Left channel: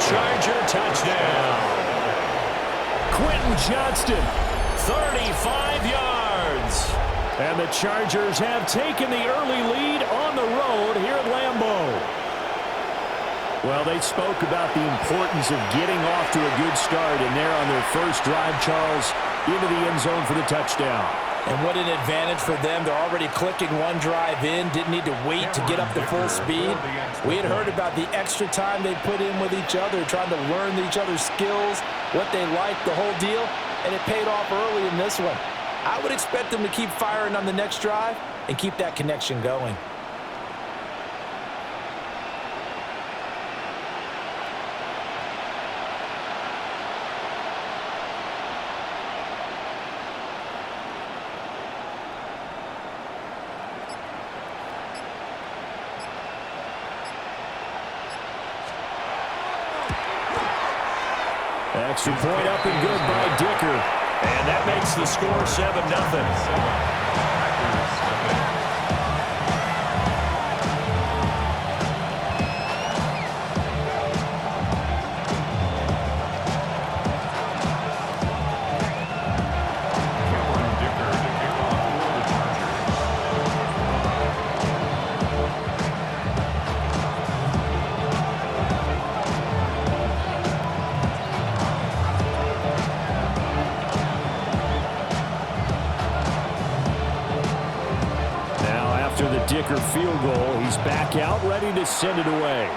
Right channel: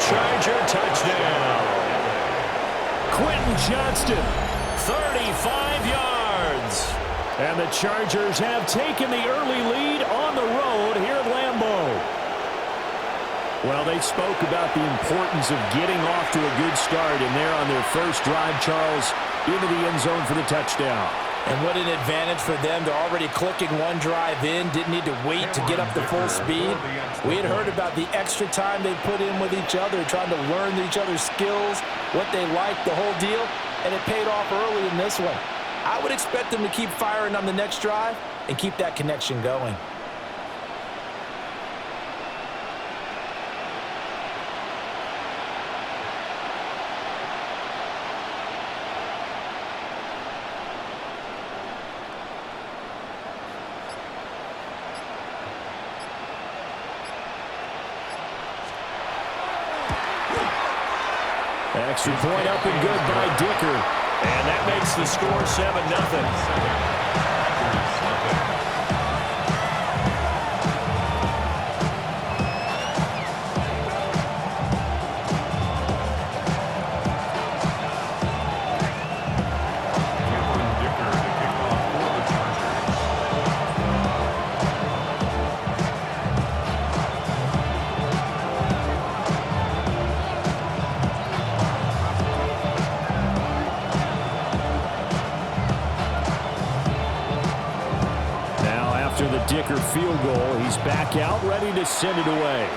Charger touchdown. Quentin Johnston, 35 yards. And the Chargers have taken the early lead on the road here at Lambeau. Well, they spoke about the importance of getting off to a good start, and they're on their first drive, Charles, into the end zone for the touchdown. And what an advantage for them. They're already clicking one drive in, didn't need to wait to get up to full speed. We had heard about the extra time they put in with each other, trying to learn each other's skills, what they liked, the whole deal, and it paid off early in this one. I would expect them to keep firing on the next drive and keep that connection going. Extra point up and good by Dicker. And that makes the score 7-0. After the Dicker field goal, he's back out, ready to send it away.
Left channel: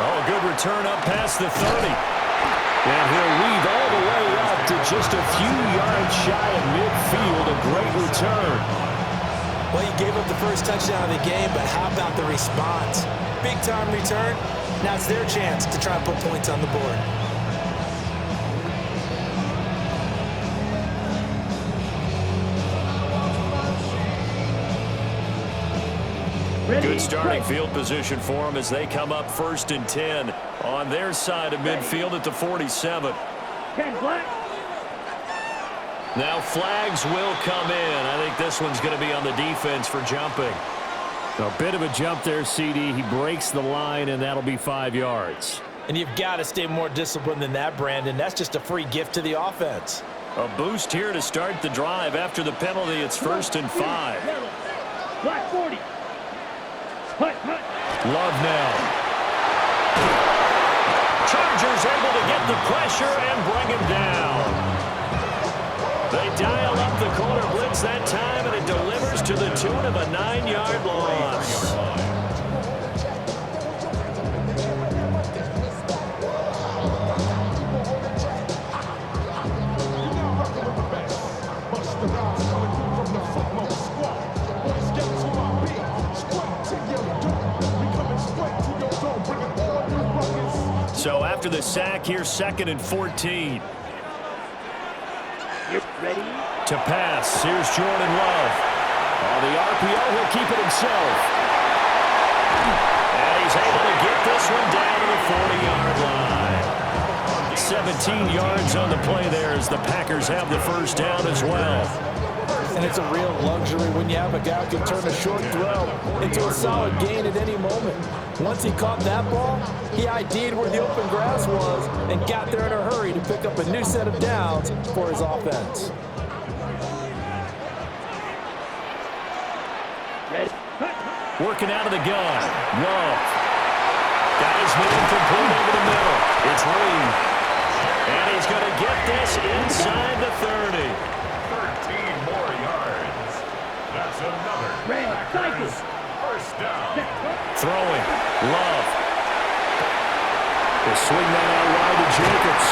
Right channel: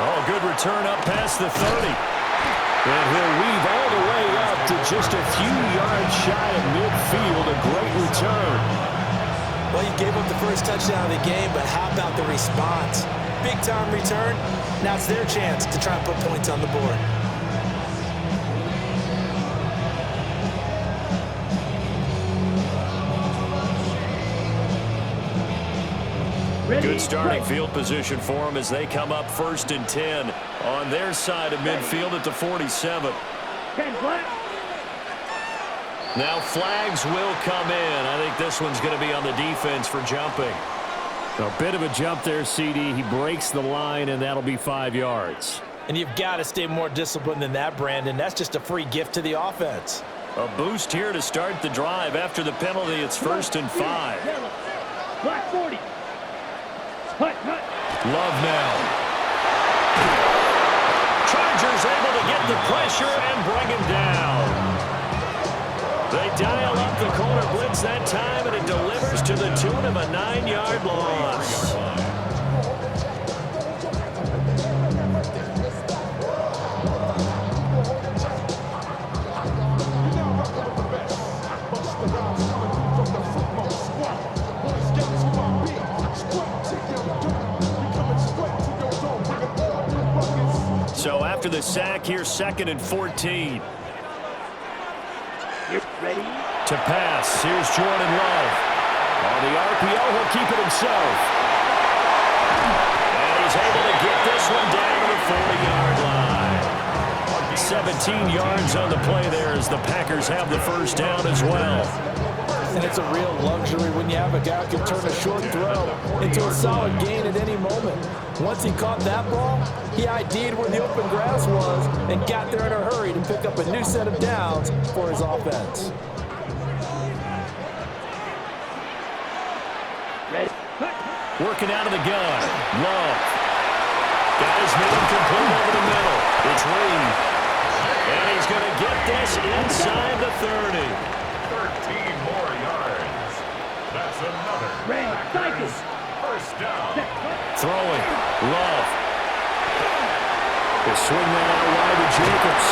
Oh, good return up past the 30. And he'll weave all the way up to just a few yards shy of midfield. A great return. Well, you gave up the first touchdown of the game, but how about the response? Big-time return. Now it's their chance to try and put points on the board. Good starting field position for them as they come up 1st and 10 on their side of midfield at the 47. Now flags will come in. I think this one's going to be on the defense for jumping. A bit of a jump there, CD. He breaks the line, and that'll be 5 yards. And you've got to stay more disciplined than that, Brandon. That's just a free gift to the offense. A boost here to start the drive. After the penalty, it's 1st and 5. Black 40. Love now. Chargers able to get the pressure and bring him down. They dial up the corner blitz that time, and it delivers to the tune of a 9-yard loss. So after the sack here, 2nd and 14. Ready? To pass, here's Jordan Love. On the RPO, he'll keep it himself. And he's able to get this one down to the 40-yard line. 17 yards on the play there as the Packers have the first down as well. And it's a real luxury when you have a guy who can turn a short throw into a solid gain at any moment. Once he caught that ball, he ID'd where the open grass was and got there in a hurry to pick up a new set of downs for his offense. Ready? Working out of the gun. Love. Got his man complete over the middle. It's Reed. And he's going to get this inside the 30. 13 more yards. That's another Packers first down. Throwing. Love. They swing that out wide to Jacobs.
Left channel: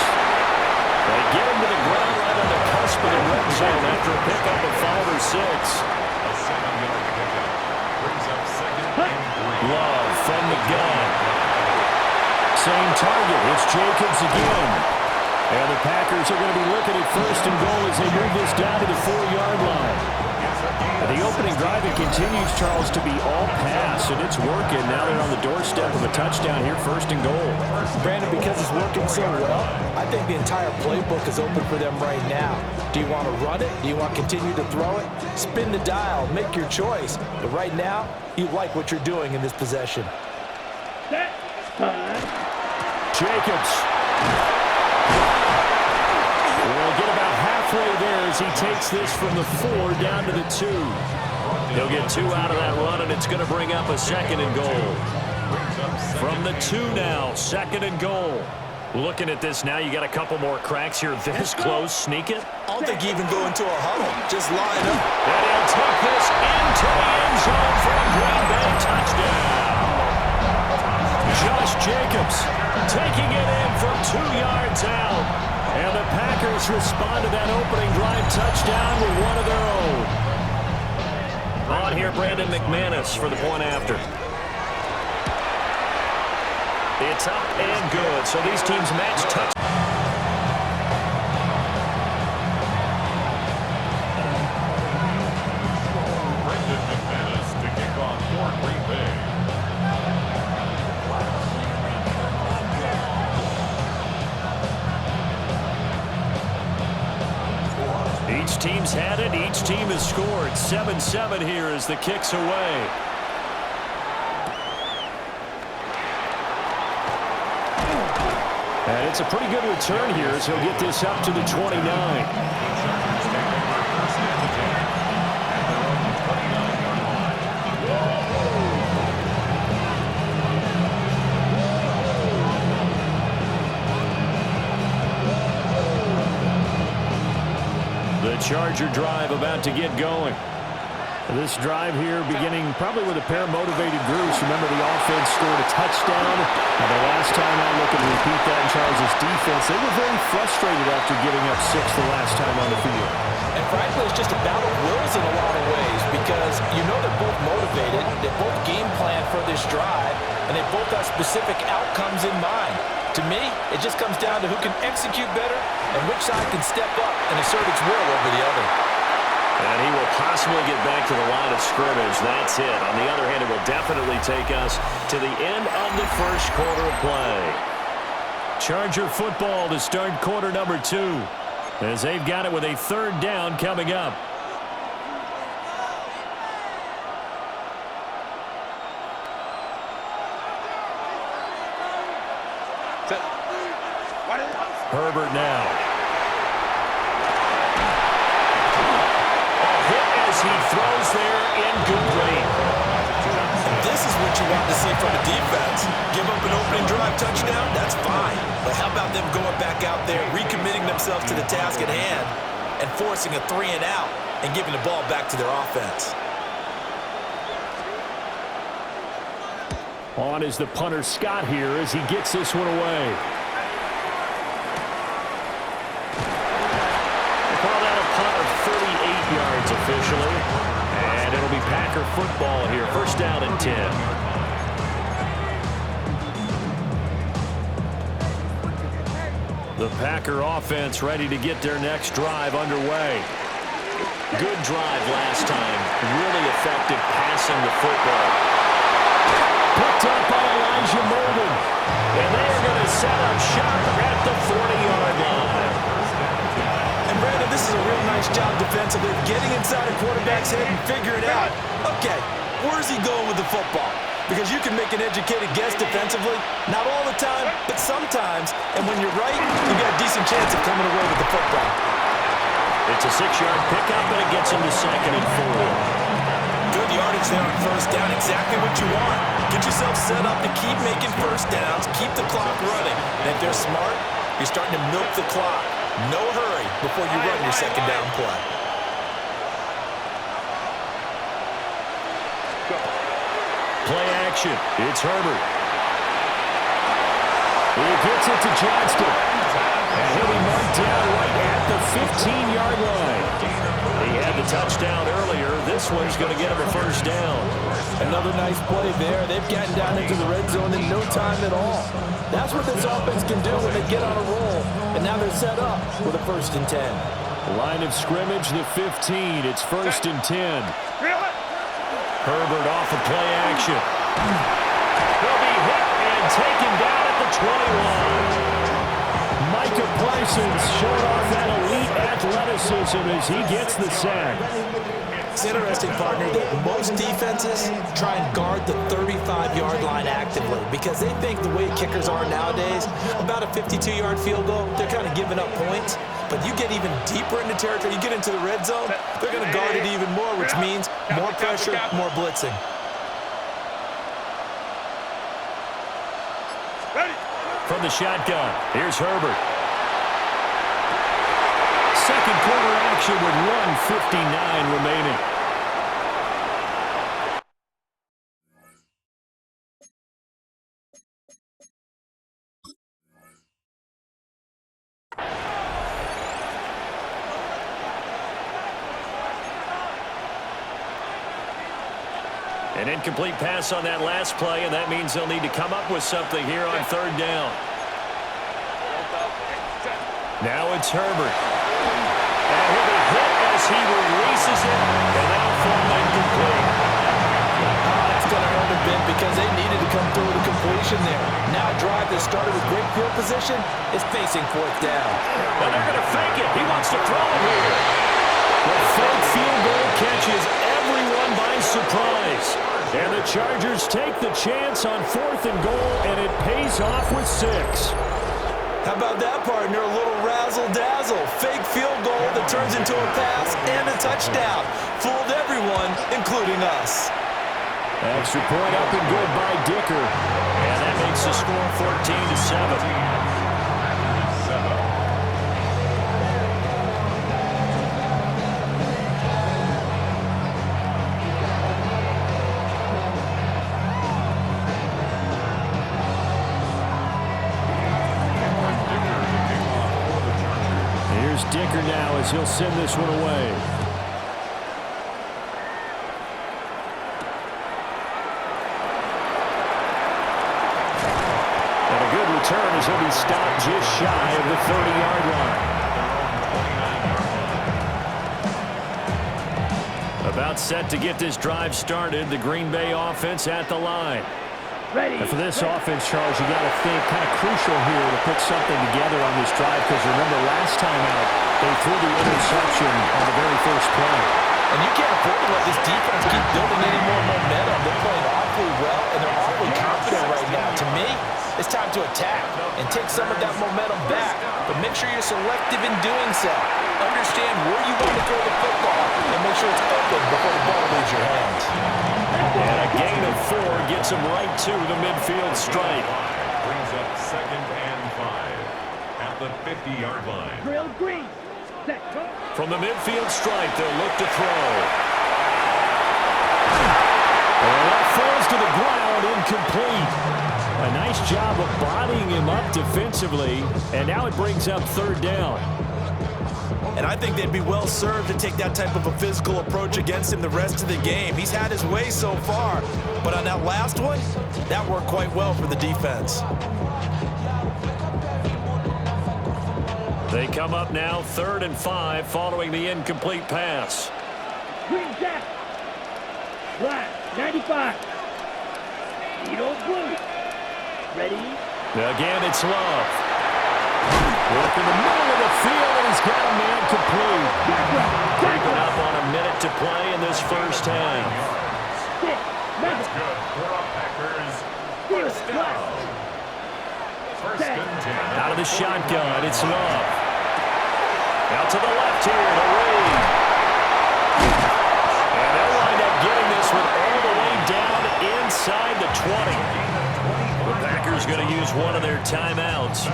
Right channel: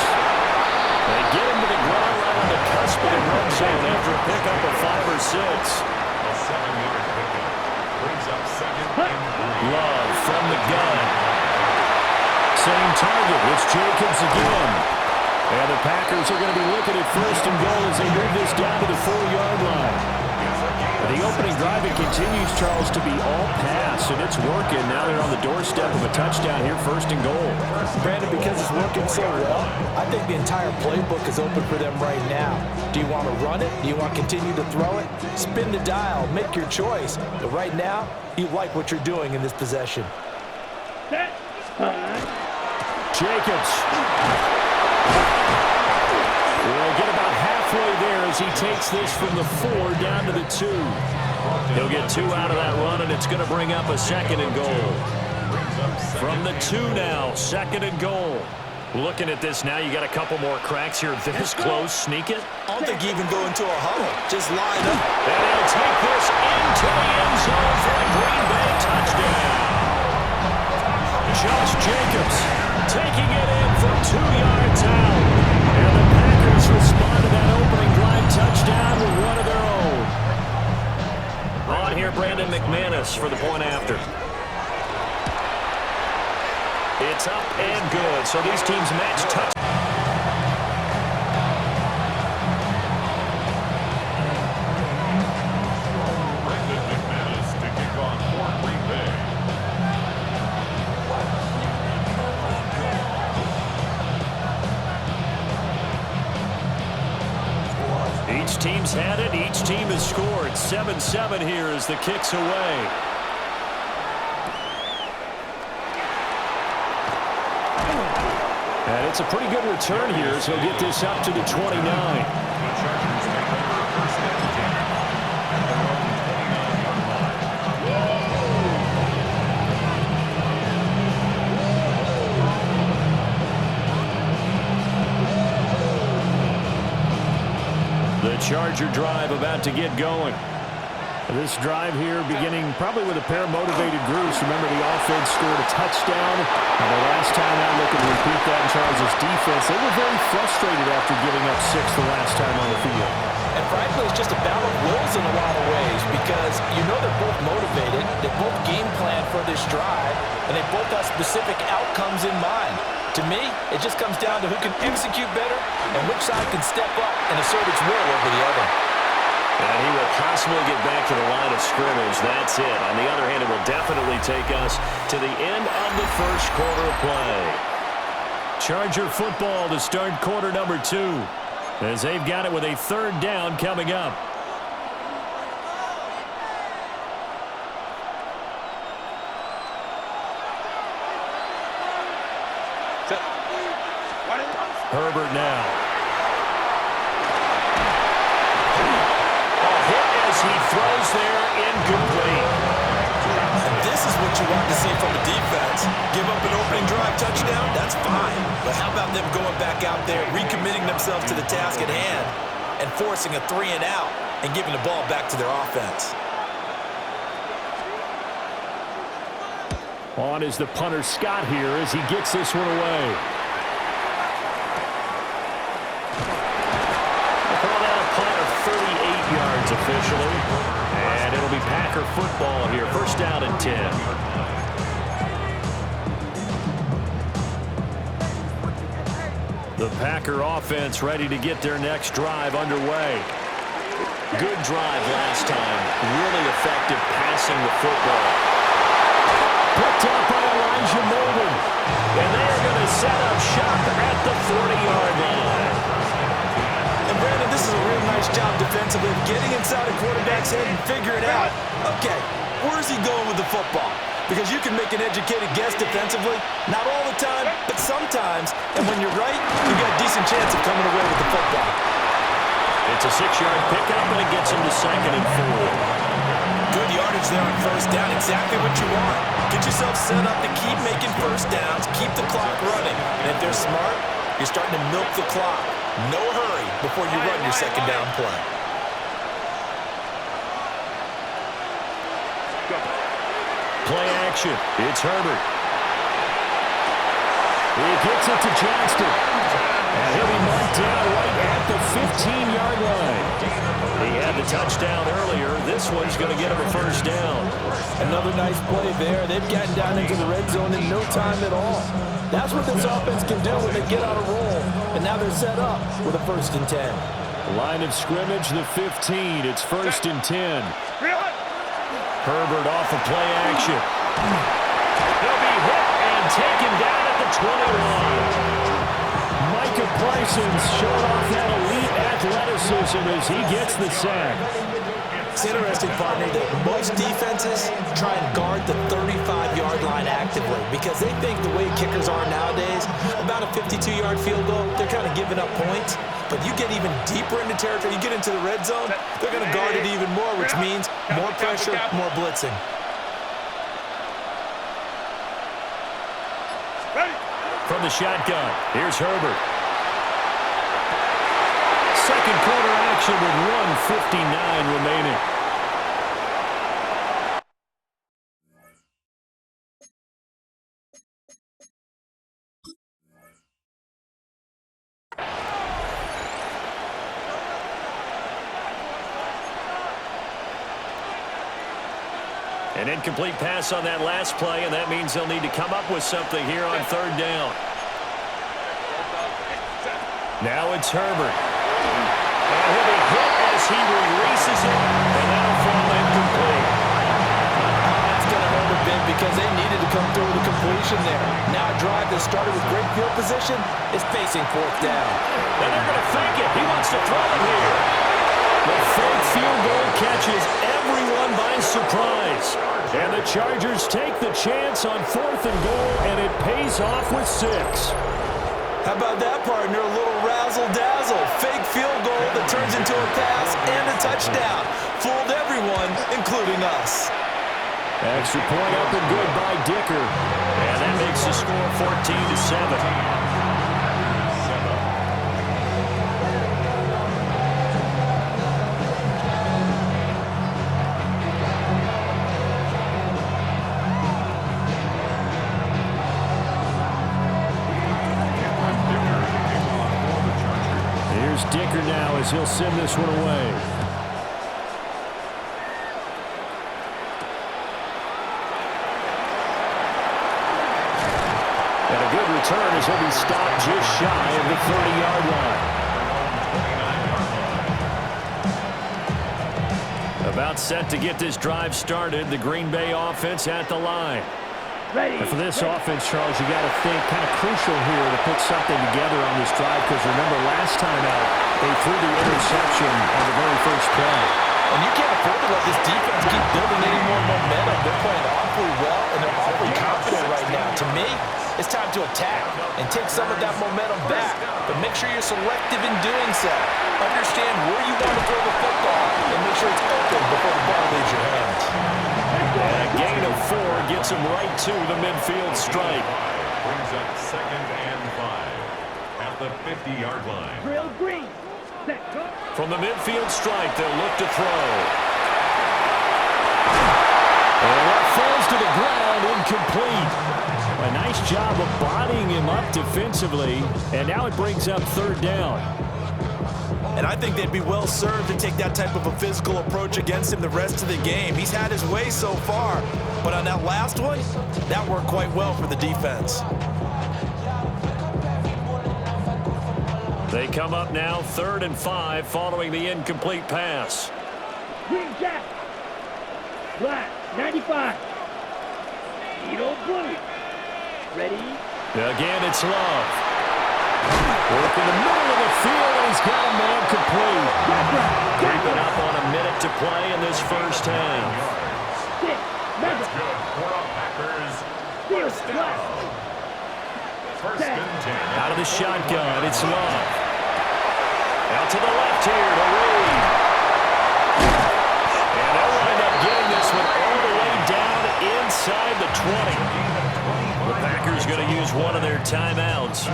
They get him to the ground right on the cusp of the red zone after a pickup of 5 or 6. A 7-yard pickup brings up 2nd and 3. Love from the gun. Same target. It's Jacobs again. And the Packers are going to be looking at 1st and goal as they move this down to the 4-yard line. The opening drive, it continues, Charles, to be all pass, and it's working. Now they're on the doorstep of a touchdown here, 1st and goal. Brandon, because it's working so well, I think the entire playbook is open for them right now. Do you want to run it? Do you want to continue to throw it? Spin the dial, make your choice. But right now, you like what you're doing in this possession. Set. Jacobs will get about halfway there as he takes this from the 4 down to the 2. He'll get 2 out of that run, and it's going to bring up a 2nd and goal. From the 2 now, 2nd and goal. Looking at this now, you got a couple more cracks here this close. Sneak it. I don't think you even go into a huddle. Just line up. And he'll take this into the end zone for a Green Bay touchdown. Josh Jacobs taking it in from 2 yards out. And the Packers respond to that opening drive touchdown with one of their own. On here, Brandon McManus for the point after. It's up and good. So these teams match touch. Brandon McManus to kick on for Green Bay. Each team's had it. Each team has scored. 7-7 here as the kick's away. And it's a pretty good return here as he'll get this up to the 29. The Chargers take over 1st and 10 at their own 29-yard line. The Charger drive about to get going. This drive here beginning probably with a pair of motivated groups. Remember, the offense scored a touchdown. And the last time out, looking to repeat that in Charles' defense, they were very frustrated after giving up 6 the last time on the field. And frankly, it's just a battle of wills in a lot of ways because you know they're both motivated, they both game plan for this drive, and they both have specific outcomes in mind. To me, it just comes down to who can execute better and which side can step up and assert its will over the other. And he will possibly get back to the line of scrimmage. That's it. On the other hand, it will definitely take us to the end of the 1st quarter of play. Charger football to start quarter number 2 as they've got it with a 3rd down coming up. Herbert now. He throws there incomplete. And this is what you want to see from a defense. Give up an opening drive touchdown, that's fine. But how about them going back out there, recommitting themselves to the task at hand, and forcing a 3 and out and giving the ball back to their offense. On is the punter Scott here as he gets this one away. Call that a punt of 38 yards officially. And it'll be Packer football here. 1st down and 10. The Packer offense ready to get their next drive underway. Good drive last time. Really effective passing the football. Picked up by Elijah Molden. And they are going to set up shop at the 40-yard line. And Brandon, this is a real nice job defensively of getting inside a quarterback's head and figuring out, okay, where's he going with the football? Because you can make an educated guess defensively, not all the time, but sometimes. And when you're right, you got a decent chance of coming away with the football. It's a 6-yard pickup, and it gets him to 2nd and 4. Good yardage there on 1st down, exactly what you want. Get yourself set up to keep making 1st downs, keep the clock running. And if they're smart, you're starting to milk the clock. No hurry before you run your 2nd down play. Play action. It's Herbert. He gets it to Johnston. And he'll be marked down right at the 15-yard line. He had the touchdown earlier. This one's going to get him a 1st down. Another nice play there. They've gotten down into the red zone in no time at all. That's what this offense can do when they get on a roll. And now they're set up with a 1st and 10. Line of scrimmage, the 15. It's 1st and 10. Herbert off of play action. He'll be hit and taken down at the 21. Micah Parsons showing off that elite athleticism as he gets the sack. It's interesting, partner, that most defenses try and guard the 35-yard line actively because they think the way kickers are nowadays, about a 52-yard field goal, they're kind of giving up points. But you get even deeper into territory, you get into the red zone, they're going to guard it even more, which means more pressure, more blitzing. From the shotgun, here's Herbert. Second quarter action with 1:59 remaining. An incomplete pass on that last play, and that means they'll need to come up with something here on 3rd down. Now it's Herbert. And he'll be hit as he releases it, and that'll fall incomplete. Oh, that's going to hurt a bit because they needed to come through with a completion there. Now a drive that started with great field position is facing 4th down. And they're going to fake it. He wants to throw it here. The fake field goal catches everyone by surprise. And the Chargers take the chance on 4th and goal, and it pays off with 6. How about that, partner? A little razzle-dazzle. Fake field goal that turns into a pass and a touchdown. Fooled everyone, including us. Extra point up and good by Dicker. And that makes the score 14-7. Here's Dicker now as he'll send this one away. And a good return as he'll be stopped just shy of the 30-yard line. About set to get this drive started. The Green Bay offense at the line. Ready. And for this offense, Charles, you got to think kind of crucial here to put something together on this drive because remember last time out they threw the interception on the very first play. And you can't afford to let this defense keep building any more momentum. They're playing awfully well, and they're awfully confident right now. To me, it's time to attack and take some of that momentum back. But make sure you're selective in doing so. Understand where you want to throw the football and make sure it's open before the ball leaves your hands. And a gain of 4 gets him right to the midfield stripe. Brings up 2nd and 5 at the 50-yard line. Drill green. Set, go. From the midfield stripe, they'll look to throw. And that falls to the ground, incomplete. A nice job of bodying him up defensively, and now it brings up 3rd down. And I think they'd be well served to take that type of a physical approach against him the rest of the game. He's had his way so far, but on that last one, that worked quite well for the defense. They come up now 3rd and 5 following the incomplete pass. Green jack. Black, 95. Needle blue. Ready. Again, it's Love. Work in the middle of the field, and he's got a man complete. Creeping up on a minute to play in this first half. That's good for a Packers first down. 1st and 10. Out of the shotgun, it's Love. Out to the left here to Reed. And they'll wind up getting this one all the way down inside the 20. The Packers going to use one of their timeouts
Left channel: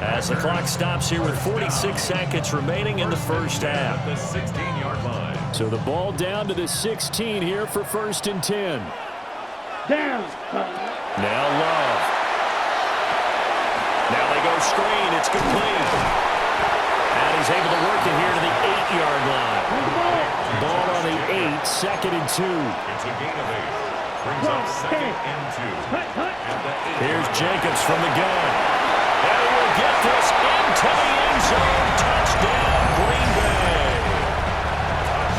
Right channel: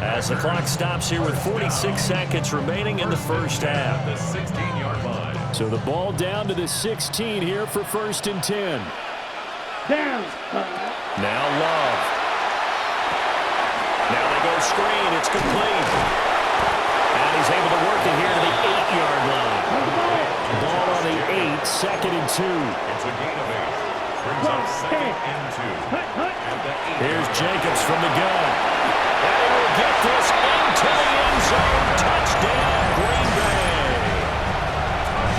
as the clock stops here with 46 seconds remaining in the first half. The 16-yard line. So the ball down to the 16 here for 1st and 10. Down. Now Love. Now they go screen. It's complete. And he's able to work it here to the 8-yard line. Ball on the 8, 2nd and 2. It's a gain of 8. Brings up 2nd and 2. At the 8. Here's Jacobs from the gun. And he will get this into the end zone. Touchdown, Green Bay.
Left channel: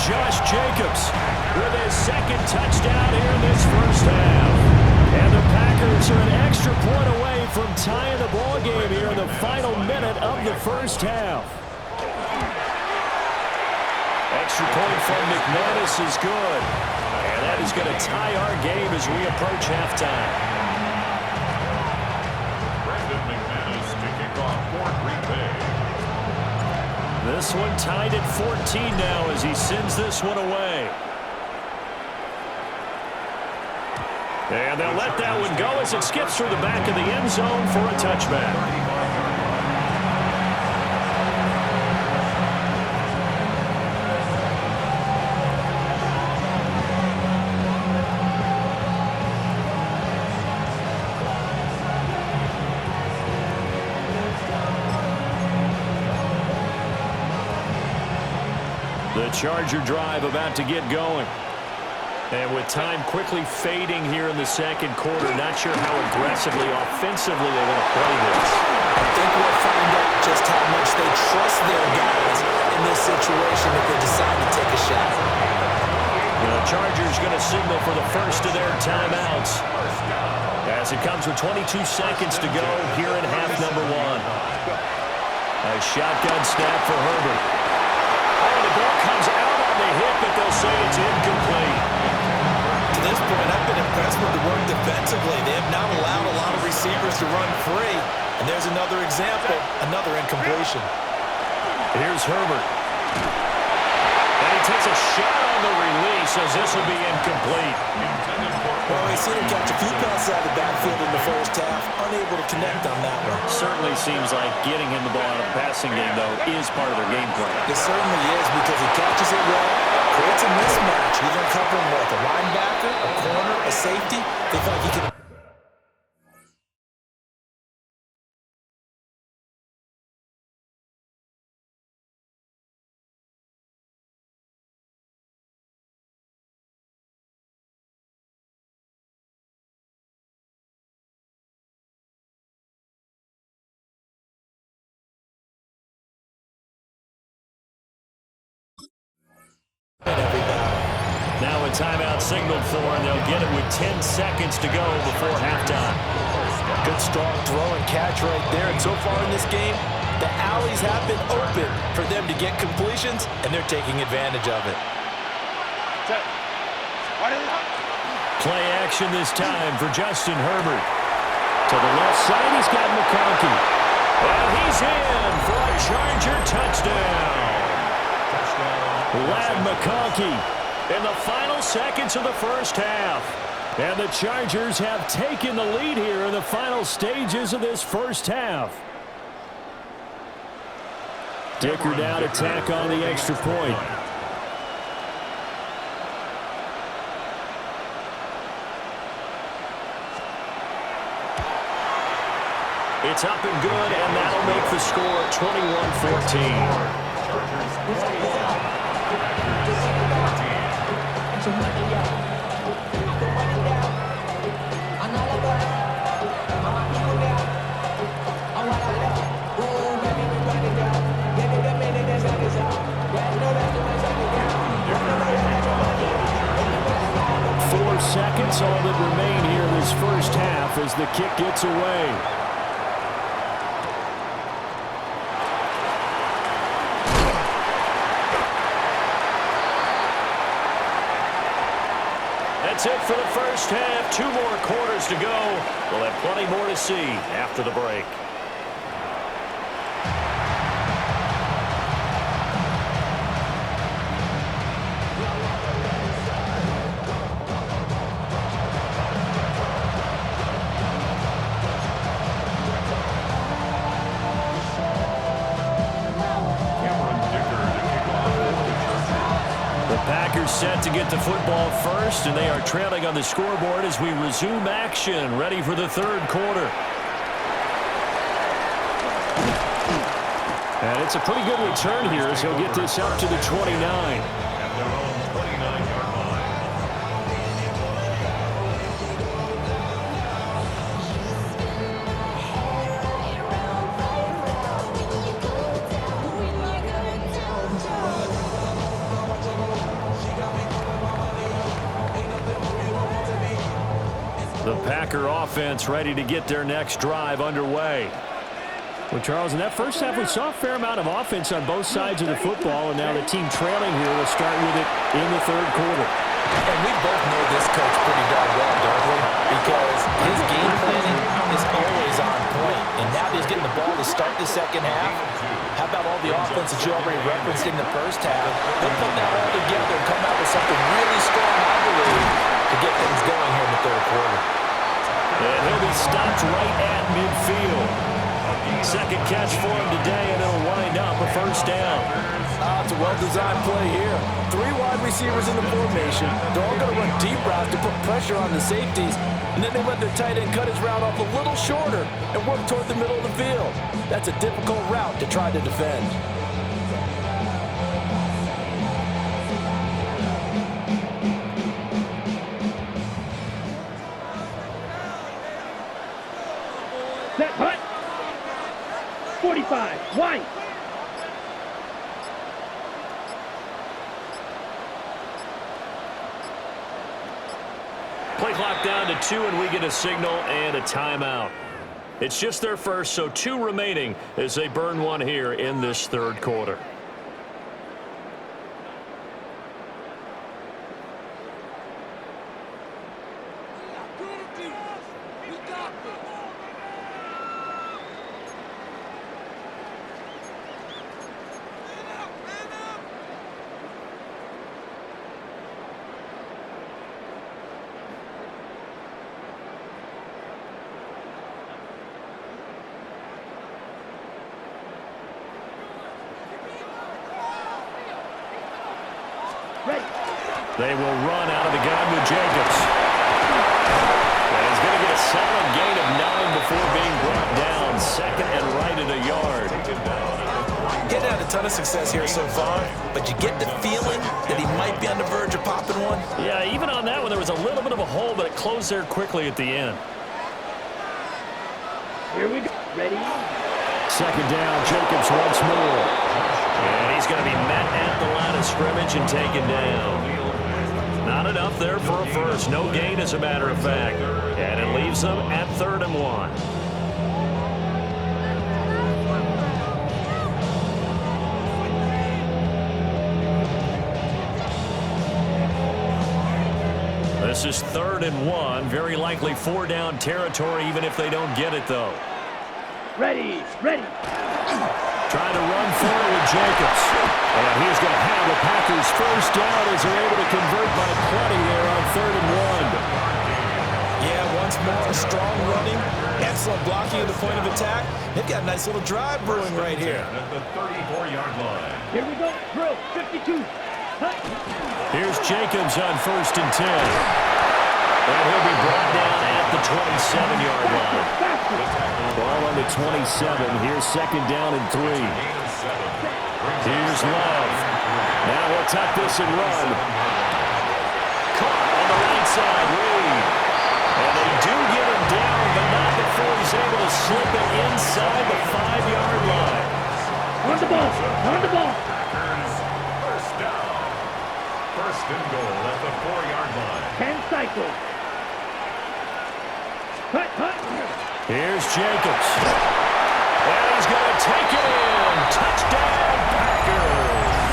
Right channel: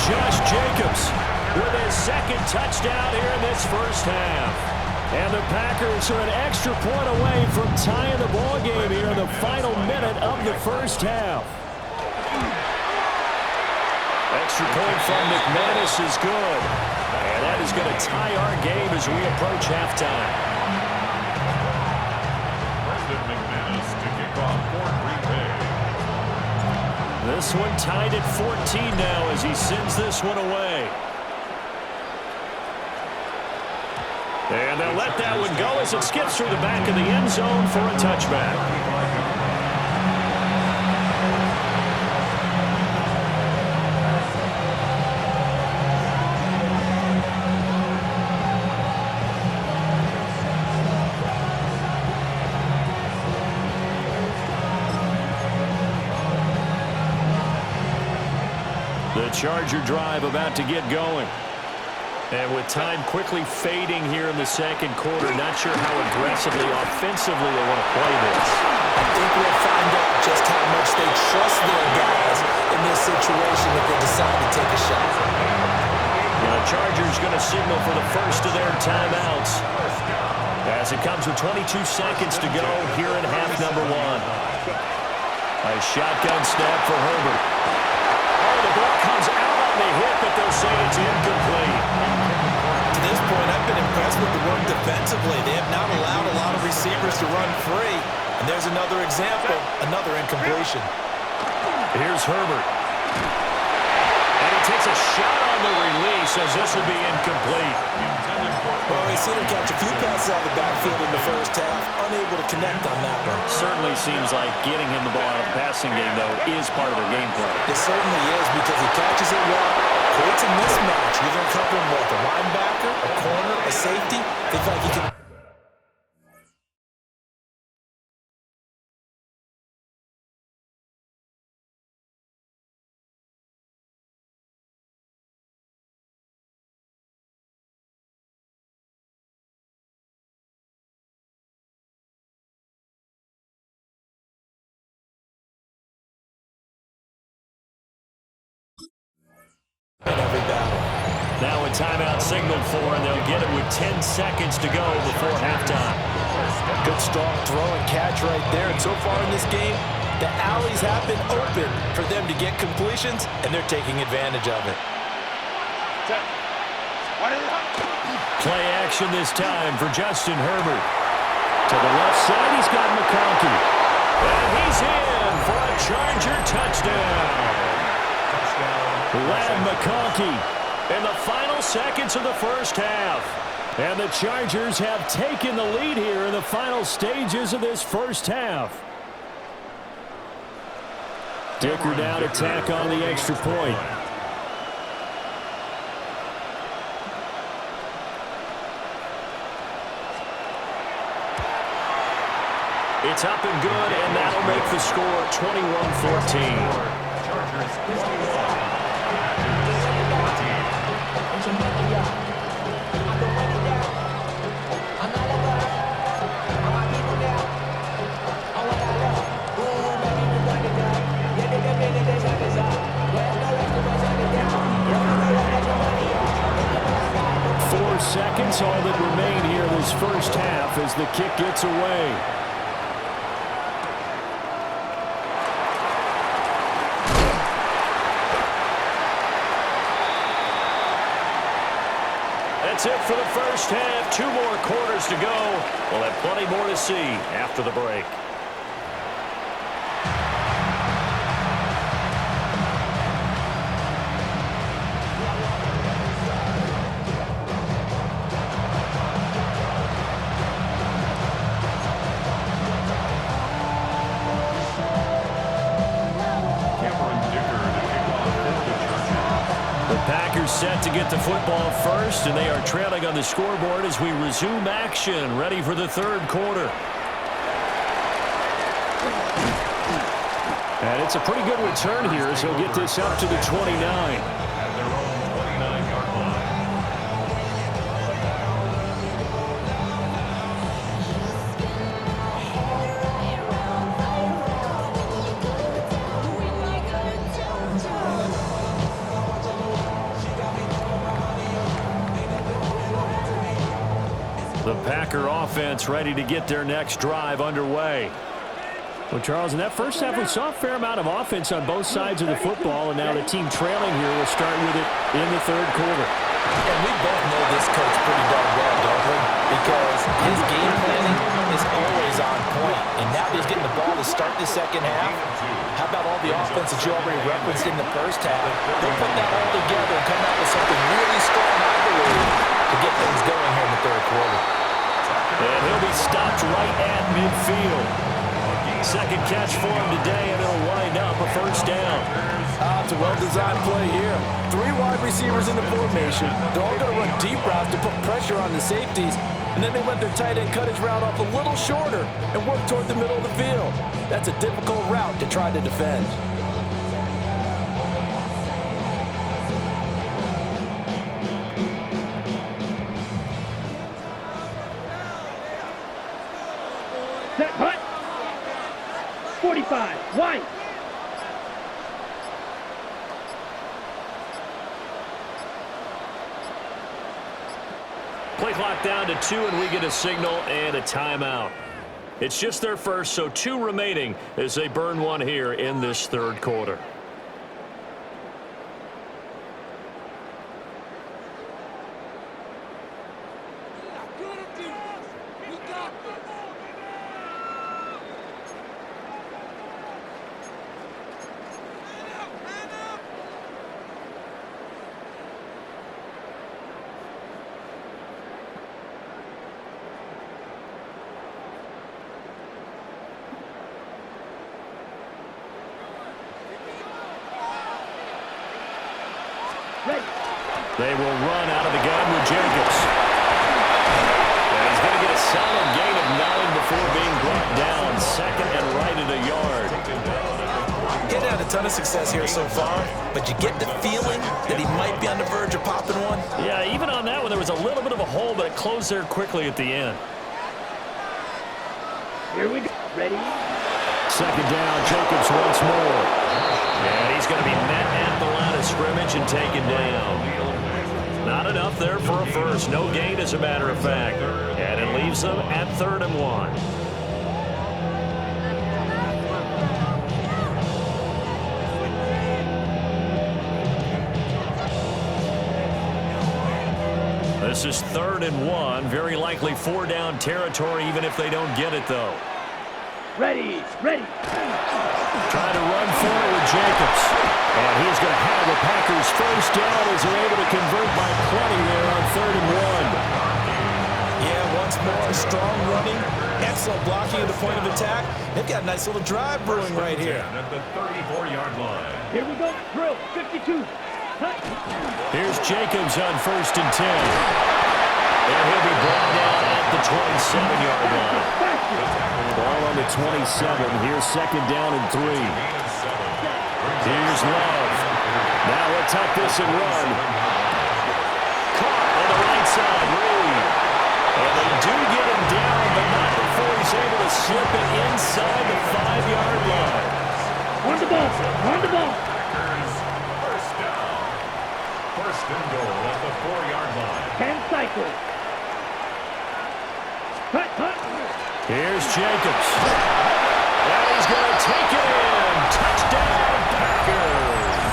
Josh Jacobs with his second touchdown here in this first half. And the Packers are an extra point away from tying the ball game here in the final minute of the first half. Extra point from McManus is good. And that is going to tie our game as we approach halftime. McManus to kick off for Green Bay. This one tied at 14 now as he sends this one away. And they'll let that one go as it skips through the back of the end zone for a touchback. The Charger drive about to get going. And with time quickly fading here in the second quarter, not sure how aggressively, offensively they want to play this. I think we'll find out just how much they trust their guys in this situation if they decide to take a shot. The Chargers going to signal for the first of their timeouts as it comes with 22 seconds to go here in half number one. A shotgun snap for Herbert. Oh, the ball comes out on the hit, but they'll say it's incomplete. To this point, I've been impressed with the work defensively. They have not allowed a lot of receivers to run free. And there's another example, another incompletion. Here's Herbert. And he takes a shot on the release as this will be incomplete. Well, we've seen him catch a few passes out of the backfield in the first half, unable to connect on that one. Certainly seems like getting him the ball out of the passing game, though, is part of their game plan. It certainly is because he catches it well, creates a mismatch, either covering with a linebacker, a corner, a safety. They feel like he can... in every battle. Now a timeout signaled for, and they'll get it with 10 seconds to go before halftime. Good strong throw and catch right there. And so far in this game, the alleys have been open for them to get completions, and they're taking advantage of it. Play action this time for Justin Herbert. To the left side, he's got McConkey. And he's in for a Charger touchdown. Lad McConkey in the final seconds of the first half. And the Chargers have taken the lead here in the final stages of this first half. Dicker down to tack on the extra point. It's up and good, and that'll make the score 21-14. Chargers 21. Four seconds, all that remain here in this first half as the kick gets away. That's it for the first half. 2 more quarters to go. We'll have plenty more to see after the break. Packers set to get the football first, and they are trailing on the scoreboard as we resume action, ready for the third quarter. And it's a pretty good return here as he'll get this up to the 29. At their own 29-yard line. The Packer offense ready to get their next drive underway. Well, Charles, in that first half, we saw a fair amount of offense on both sides of the football, and now the team trailing here will start with it in the third quarter. And we both know this coach pretty darn well, don't we? Because his game planning is always on point. And now he's getting the ball to start the second half. How about all the offense that you already referenced in the first half? They'll put that all together and come out with something really strong, I believe, to get things going here in the third quarter. And he'll be stopped right at midfield. Second catch for him today, and it'll wind up a first down. It's a well-designed play here. 3 wide receivers in the formation. They're all going to run deep routes to put pressure on the safeties, and then they let their tight end cut his route off a little shorter and work toward the middle of the field. That's a difficult route to try to defend. Set, hut. 45, white. Play clock down to 2, and we get a signal and a timeout. It's just their first, so 2 remaining as they burn one here in this third quarter. They will run out of the gun with Jacobs. And he's going to get a solid gain of 9 before being brought down. Second and right at a yard. Getting had a ton of success here so far, but you get the feeling that he might be on the verge of popping one. Yeah, even on that one, there was a little bit of a hole, but it closed there quickly at the end. Here we go. Ready? Second down, Jacobs once more. And he's going to be met at the line of scrimmage and taken down. Not enough there for a first. No gain, as a matter of fact. And it leaves them at 3rd and 1. This is 3rd and 1. Very likely 4-down territory, even if they don't get it, though. Ready, ready. Trying to run for it with Jacobs. And he's going to have the Packers first down as they're able to convert by plenty there on 3rd and 1. Yeah, once more, strong running, excellent blocking at the point of attack. They've got a nice little drive brewing right here. At the 34-yard line. Here we go. Drill, 52. Hut. Here's Jacobs on 1st and 10. And he'll be brought down at the 27-yard line. Ball on the 27. Here's 2nd down and 3. Here's Love. Now he'll tuck this and run. Caught on the right side, Reed. And they do get him down, but not before he's able to slip it inside the 5-yard line. On the ball, on the ball. Packers, first down. 1st and goal at the 4-yard line. 10 cycles. Hut, hut. Here's Jacobs. And he's going to take it in. Touchdown, Packers.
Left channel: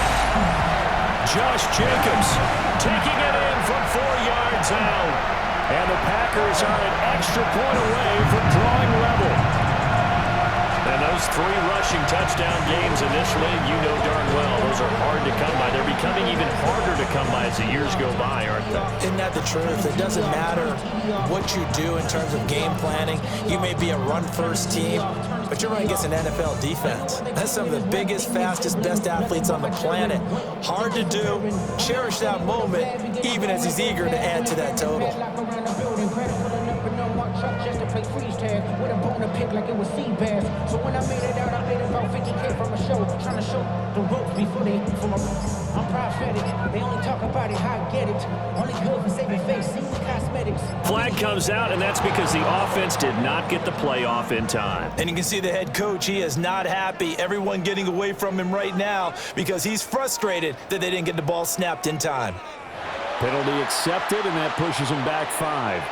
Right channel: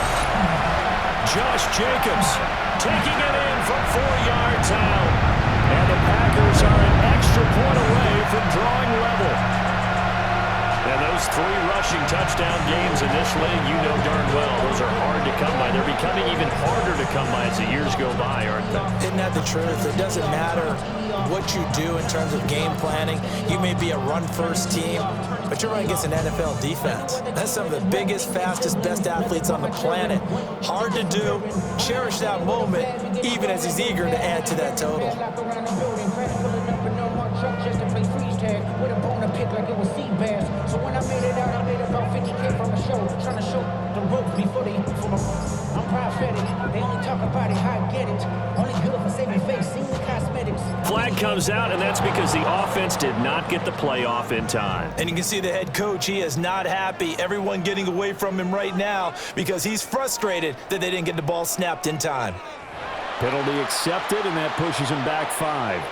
Josh Jacobs taking it in from 4 yards out. And the Packers are an extra point away from drawing level. And those 3 rushing touchdown games in this league, you know darn well, those are hard to come by. They're becoming even harder to come by as the years go by, aren't they? Isn't that the truth? It doesn't matter what you do in terms of game planning. You may be a run-first team, but you're running against an NFL defense. That's some of the biggest, fastest, best athletes on the planet. Hard to do. Cherish that moment, even as he's eager to add to that total. So when I made it out, I made about 50K from a show, trying to show the ropes before they from a. I'm prophetic. They only talk about it, how I get it. Only good for saving face, seeing the cosmetics. Flag comes out, and that's because the offense did not get the play off in time. And you can see the head coach, he is not happy. Everyone getting away from him right now because he's frustrated that they didn't get the ball snapped in time. Penalty accepted, and that pushes him back 5.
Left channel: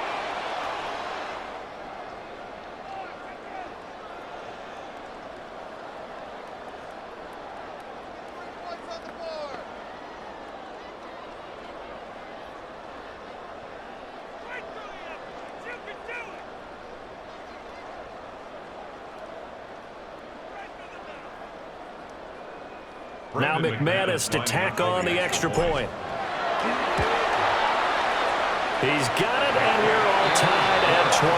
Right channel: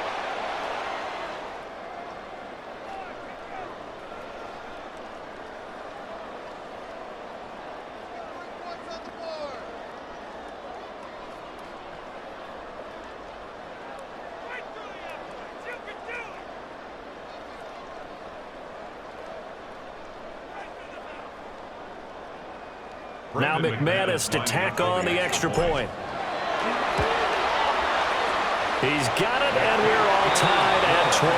Now McManus to tack on the extra point. He's got it, and we're all tied at 21.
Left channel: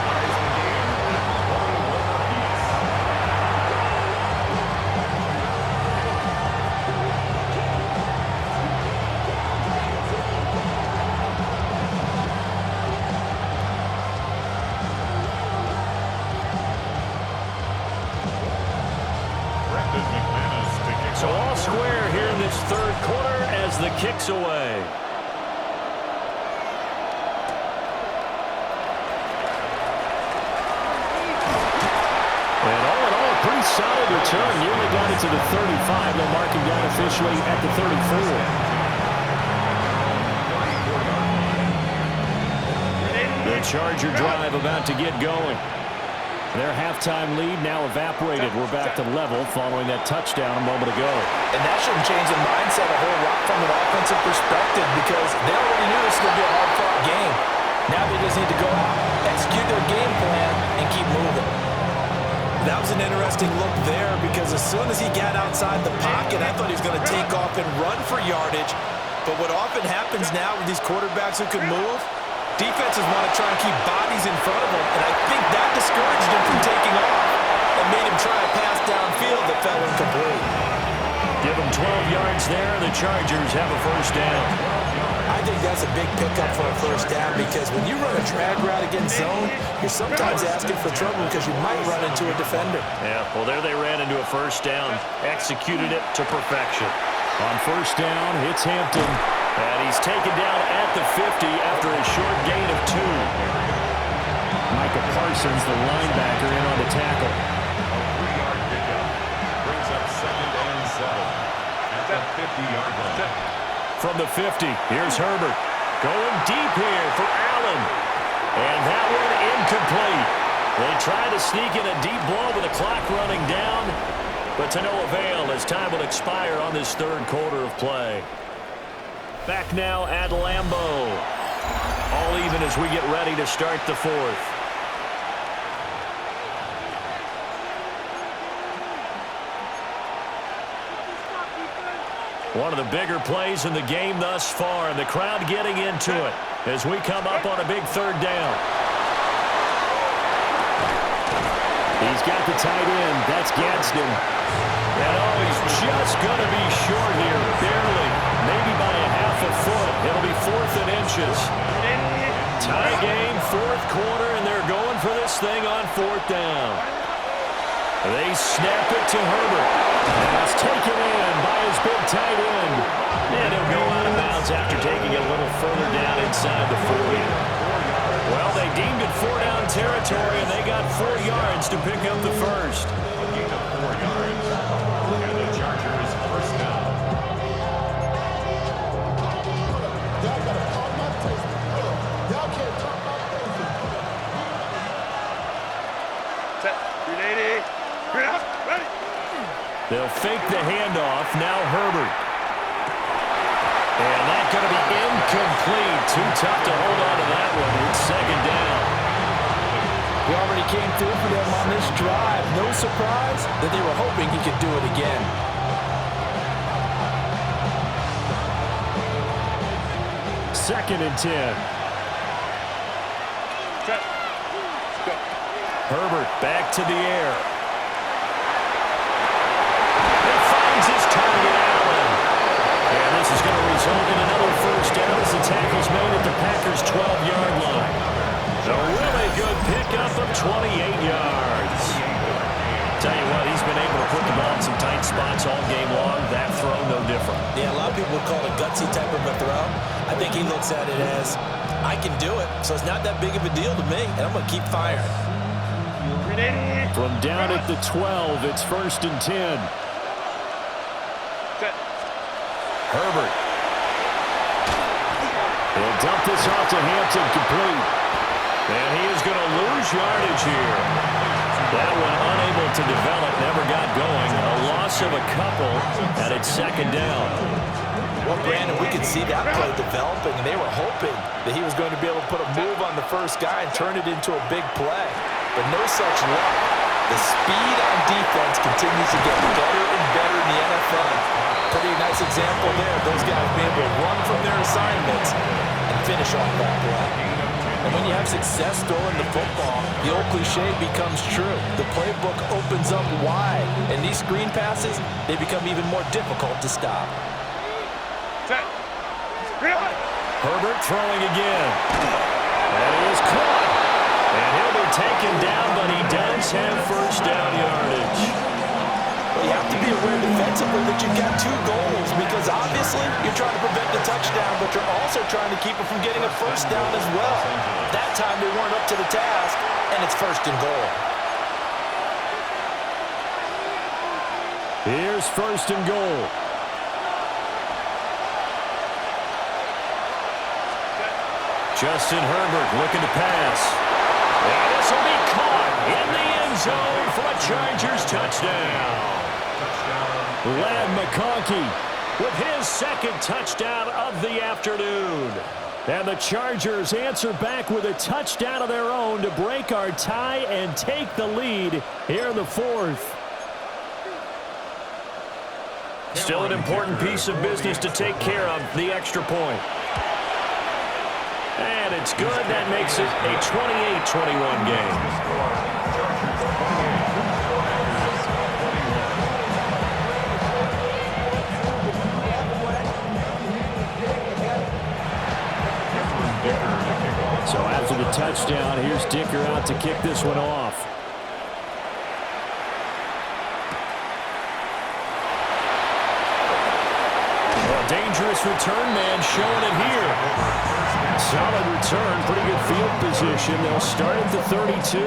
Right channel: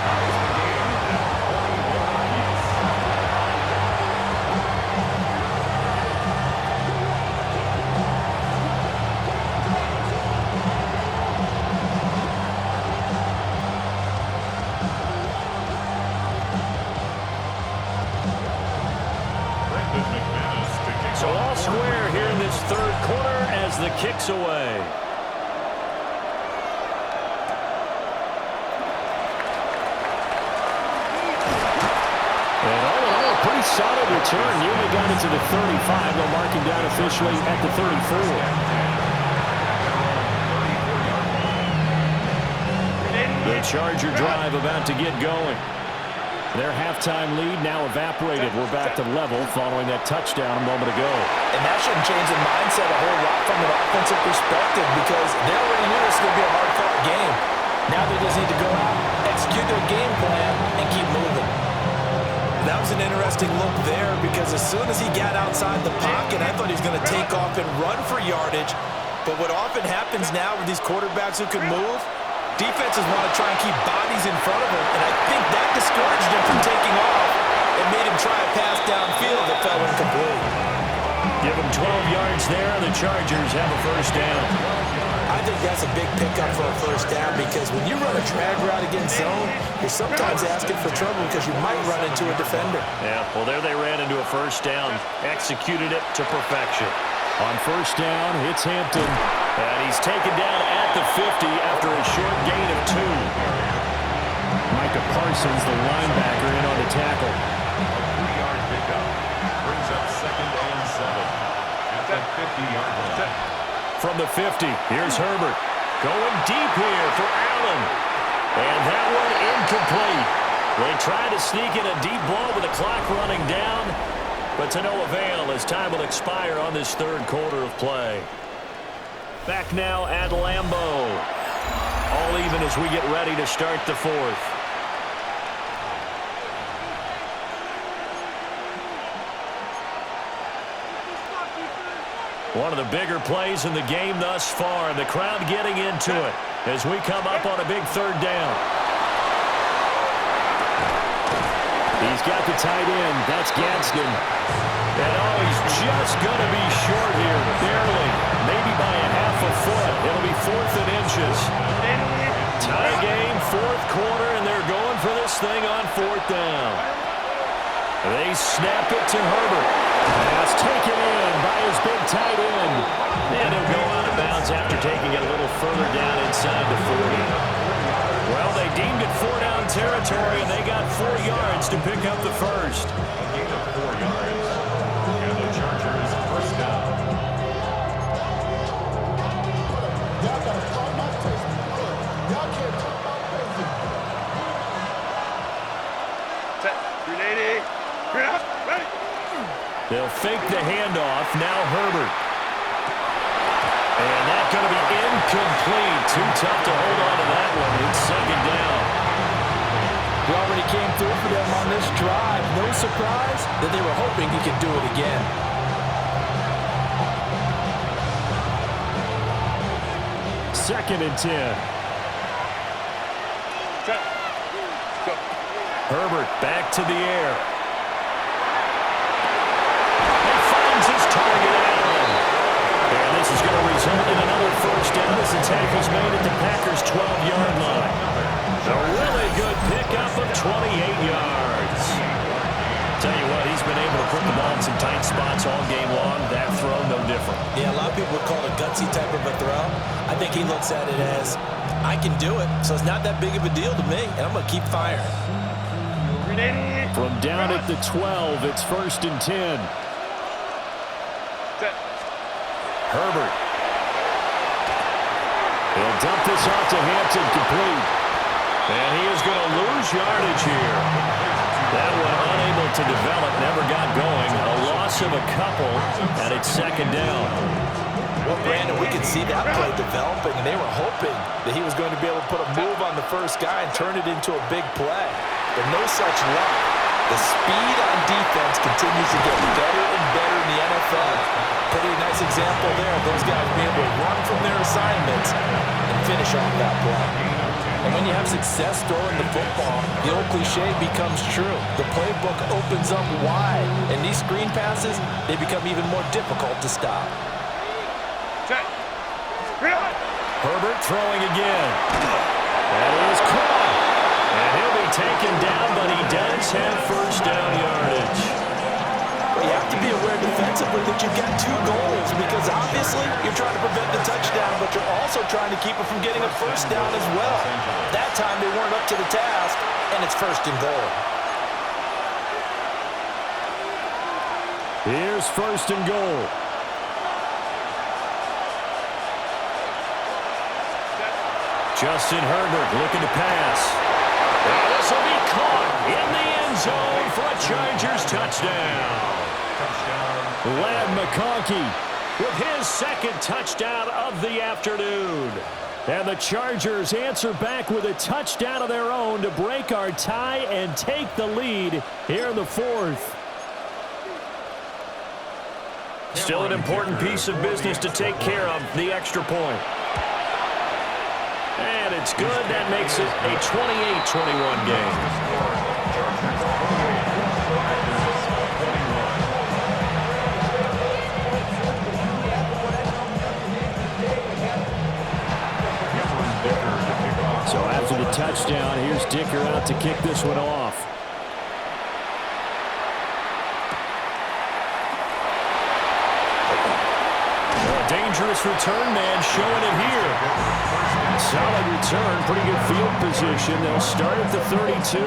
Ties the game at 21 apiece. McManus to kick So off. all square here in this third quarter as the kick's away. And all in all, a pretty solid return. Nearly got it to the 35. They'll mark him down officially at the 34. The Charger drive about to get going. Their halftime lead now evaporated. We're back to level following that touchdown a moment ago. And that shouldn't change the mindset a whole lot from an offensive perspective because they already knew this was going to be a hard-fought game. Now they just need to go out, execute their game plan, and keep moving. That was an interesting look there because as soon as he got outside the pocket, I thought he was going to take off and run for yardage. But what often happens now with these quarterbacks who can move, defenses want to try and keep bodies in front of him, and I think that discouraged him from taking off and made him try a pass downfield that fell incomplete. Give them 12 yards there, and the Chargers have a first down. I think that's a big pickup for a first down because when you run a drag route against zone, you're sometimes asking for trouble because you might run into a defender. Yeah, well, there they ran into a first down, executed it to perfection. On first down, it's Hampton, and he's taken down at the 50 after a short gain of 2. Micah Parsons, the linebacker, in on the tackle. A 3-yard pickup brings up 2nd and 7 at the 50-yard line. From the 50, here's Herbert. Going deep here for Allen. And that one incomplete. They try to sneak in a deep ball with the clock running down, but to no avail as time will expire on this third quarter of play. Back now at Lambeau. All even as we get ready to start the fourth. One of the bigger plays in the game thus far, and the crowd getting into it as we come up on a big third down. He's got the tight end. That's Gadsden. And oh, he's just going to be short here, barely, maybe by a half a foot. It'll be 4th and inches. Tie game, fourth quarter, and they're going for this thing on 4th down. They snap it to Herbert. Pass taken in by his big tight end. And he'll go out of bounds after taking it a little further down inside the 40. Well, they deemed it 4-down territory, and they got 4 yards to pick up the first. A gain of 4 yards. And the Chargers first down. Y'all got to talk my taste. Y'all can't talk my taste. Set. 380. Get up. Ready. They'll fake the handoff. Now Herbert. And that's going to be incomplete. Too tough to hold on to that one. It's 2nd down. He already came through for them on this drive. No surprise that they were hoping he could do it again. Second and 10. Set. Go. Herbert back to the air. He finds his target, Allen. And this is going to result in another first down as the tackle's made at the Packers' 12-yard line. A really good pickup of 28 yards. Tell you what, he's been able to put the ball in some tight spots all game long. That throw, no different. Yeah, a lot of people would call it a gutsy type of a throw. I think he looks at it as, I can do it, so it's not that big of a deal to me, and I'm going to keep firing. From down at the 12, it's 1st and 10. Set. Herbert. He'll dump this off to Hampton, complete. And he is going to lose yardage here. That one unable to develop, never got going. A loss of a couple, and it's 2nd down. Well, Brandon, we could see that play developing, and they were hoping that he was going to be able to put a move on the first guy and turn it into a big play. But no such luck. The speed on defense continues to get better and better in the NFL. Pretty nice example there. Those guys being able to run from their assignments and finish off that play. And when you have success throwing the football, the old cliche becomes true. The playbook opens up wide, and these screen passes, they become even more difficult to stop. Herbert throwing again. That is caught. And he'll be taken down, but he does have first down yardage. But you have to be aware defensively that you've got two goals, because obviously you're trying to prevent the touchdown, but you're also trying to keep it from getting a first down as well. That time they weren't up to the task, and it's first and goal. Here's first and goal. Justin Herbert looking to pass. And this will be caught in the end zone for a Chargers touchdown. Lad McConkey with his second touchdown of the afternoon. And the Chargers answer back with a touchdown of their own to break our tie and take the lead here in the fourth. Still an important piece of business to take care of, the extra point. And it's good. That makes it a 28-21 game. Chargers 28, Packers 21. So after the touchdown, here's Dicker out to kick this one off. Well, a dangerous return man showing it here. Solid return, pretty good field position. They'll start at the 32.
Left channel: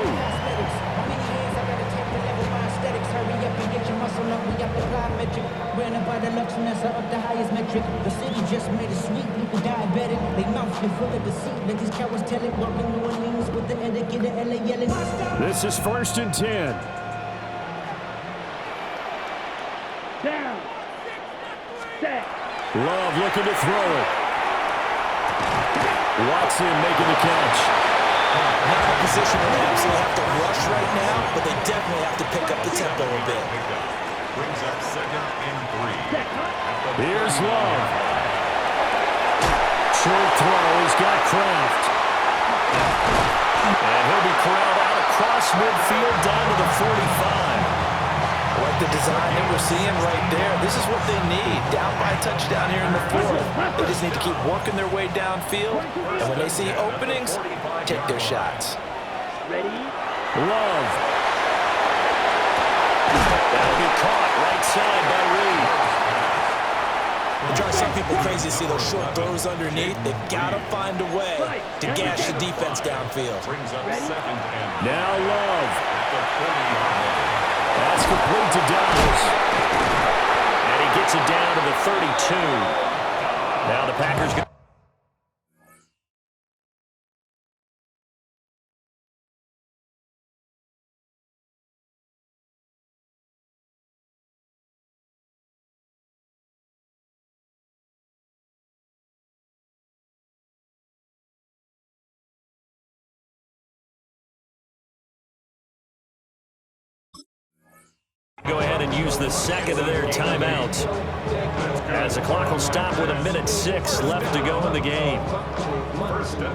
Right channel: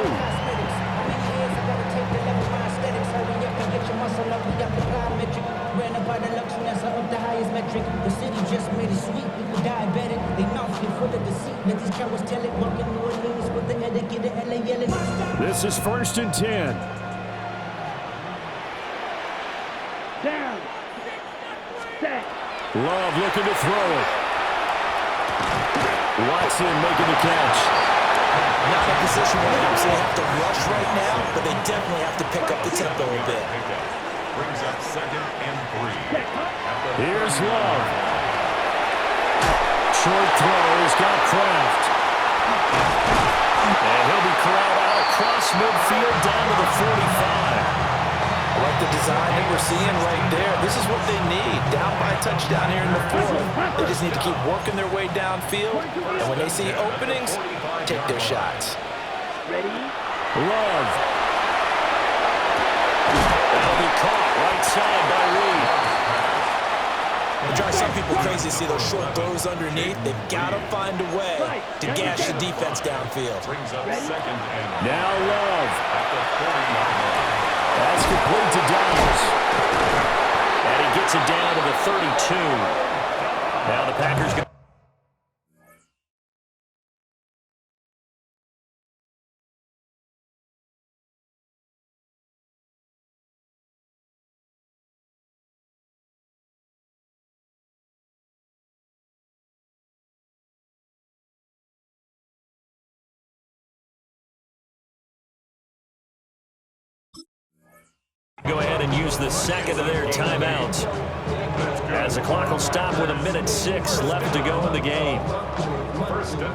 The city just made it sweet. People diabetic. They mouth get full of deceit. Let these cowards tell it. Walking New Orleans with the etiquette of LA yelling. This is first and 10. Down. Set. Love looking to throw it. Watson making the catch. Not in a position where they absolutely have to rush right now, but they definitely have to pick up the tempo a bit. Brings up second and 3. Here's Love. Short throw. He's got Kraft. And he'll be corralled out across midfield down to the 45. I like the design that we're seeing right there. This is what they need. Down by a touchdown here in the fourth. They just need to keep working their way downfield. And when they see openings, take their shots. Ready? Love. That'll be caught right side by Reed. It drives some people crazy to see those short throws underneath. They've got to find a way to gash the defense downfield. Brings up second and Now Love. at the 40-yard line. That's complete to Dobbs. And he gets it down to the 32. Now the Packers go. Go ahead and use the second of their timeouts, as the clock will stop with 1:06 left to go in the game.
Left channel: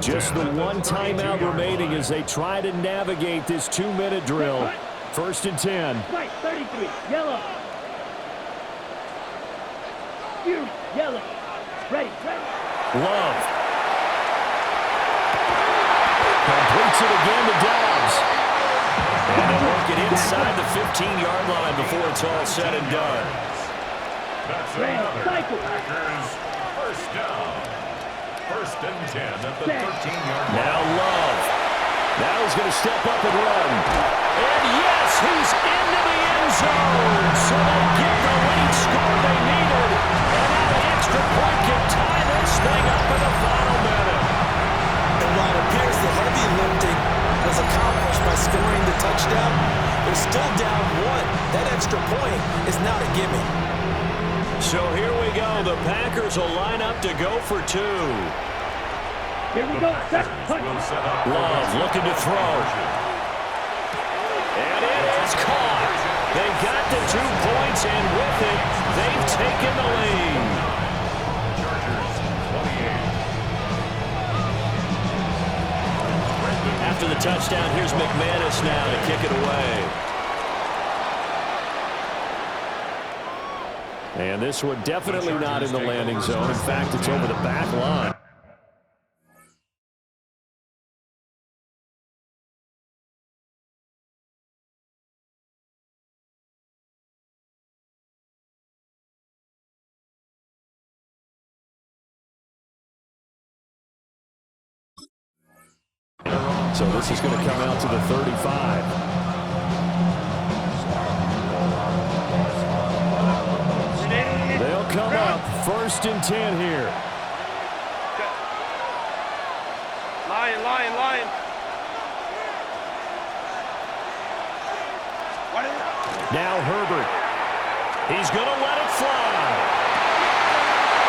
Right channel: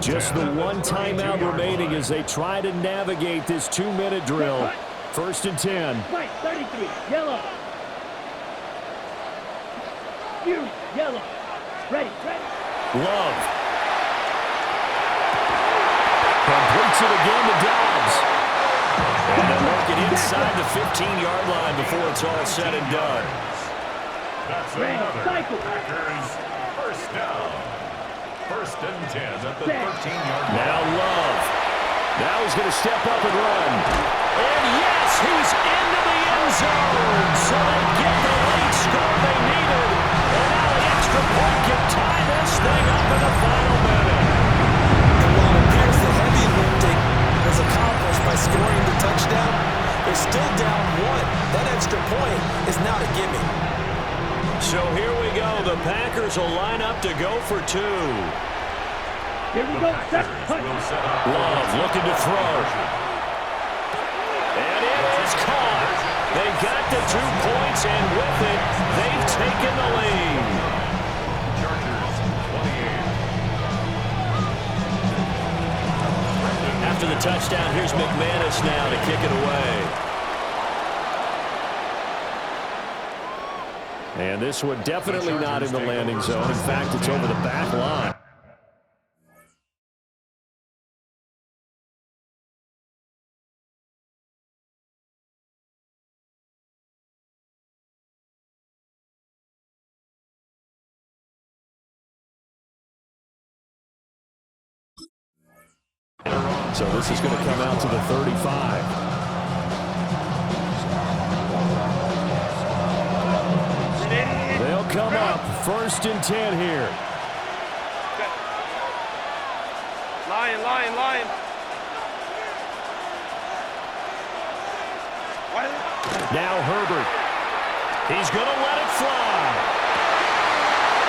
Just the one timeout remaining as they try to navigate this 2-minute drill. First and 10. White, 33, yellow. You, yellow. Ready, ready. Love. Completes it again to Dobbs. And they'll work it inside the 15-yard line before it's all said and done. That's another Packers first down. First and 10 at the 13-yard line. Now Love. Now he's going to step up and run. And yes, he's into the end zone. So they get the late score they needed. And now the extra point can tie this thing up in the final minute. And while it appears the heavy lifting was accomplished by scoring the touchdown, they're still down one. That extra point is not a gimme. So here we go. The Packers will line up to go for 2. Here we go. Set, punch. Will set up Love looking to throw. And it is caught. They got the 2 points, and with it, they've taken the lead. Chargers 28. After the touchdown, here's McManus now to kick it away. And this one definitely not in the landing zone. In fact, it's over the back line. So this is going to come out to the 35. They'll come up 1st and 10 here. Lion. Now Herbert. He's going to let it fly.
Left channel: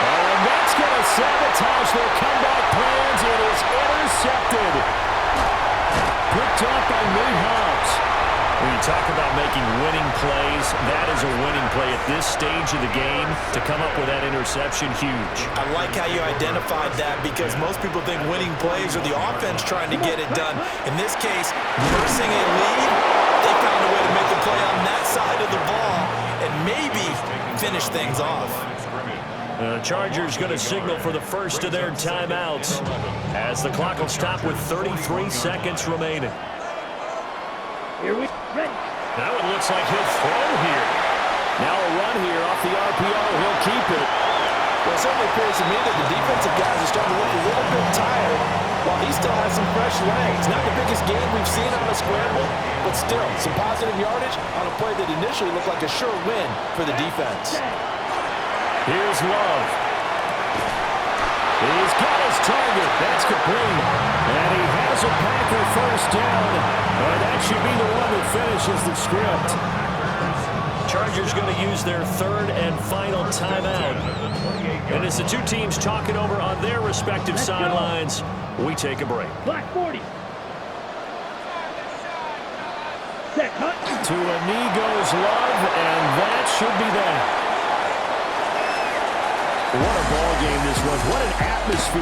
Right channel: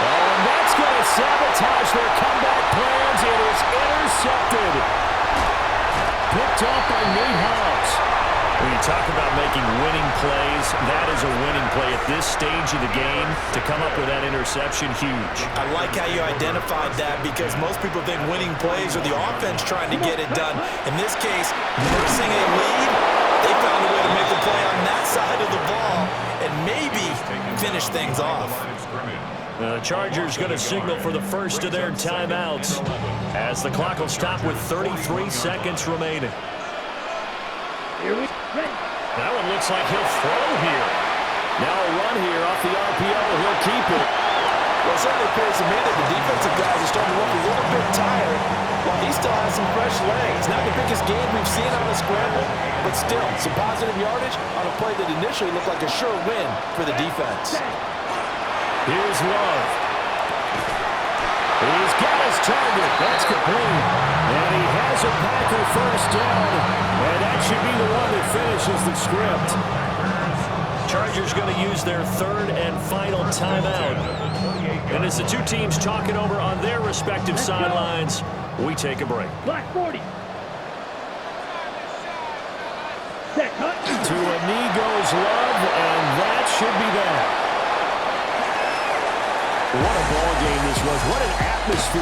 Oh, and that's going to sabotage their comeback plans. It is intercepted. Picked off by Nate Hobbs. When you talk about making winning plays, that is a winning play at this stage of the game. To come up with that interception, huge. I like how you identified that because most people think winning plays are the offense trying to get it done. In this case, nursing a lead, they found a way to make the play on that side of the ball and maybe finish things off. The Chargers going to signal for the first of their timeouts as the clock will stop with 33 seconds remaining. Here we ready. Now it looks like he'll throw here. Now a run here off the RPO. He'll keep it. Well, it certainly appears to me that the defensive guys are starting to look a little bit tired while he still has some fresh legs. Not the biggest game we've seen on a scramble, but still some positive yardage on a play that initially looked like a sure win for the defense. Here's Love. He's got his target. That's complete. And he has a Packer first down. And that should be the one that finishes the script. Chargers going to use their 3rd and final timeout. And as the two teams talking over on their respective sidelines, we take a break. Black 40. Set cut. To a knee goes Love, and that should be that. What a ball game this was. What an atmosphere.